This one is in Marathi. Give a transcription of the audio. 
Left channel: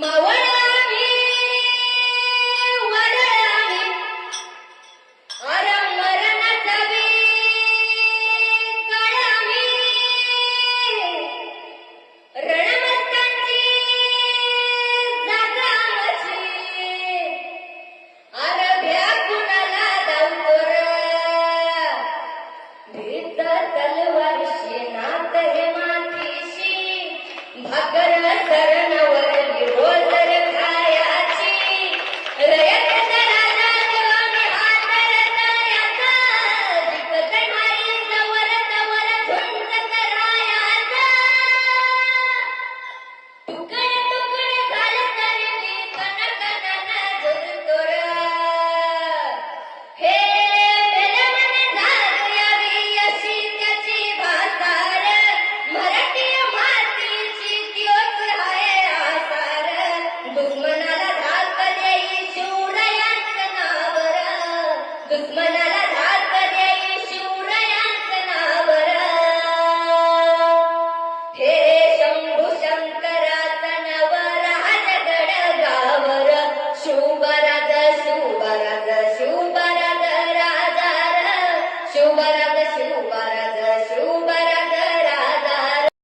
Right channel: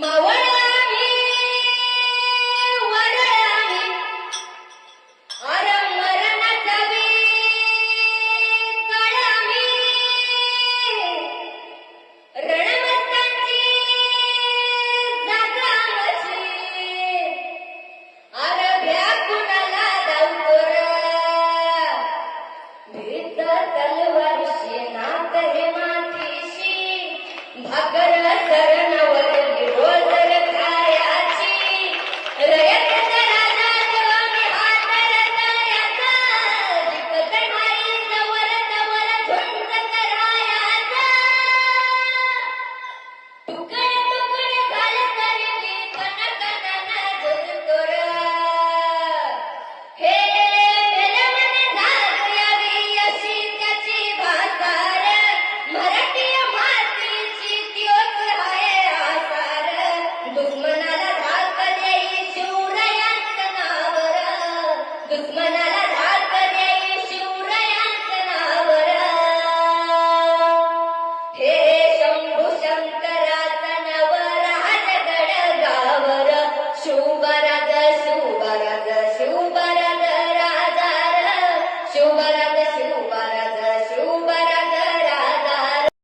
मावळाही वरळाही अर मरण तवी कळामी रणमस्तांची जागावची अर भ्याकुणाला दाऊर भीत तलवार शेणात हे मातीशी भाकर कर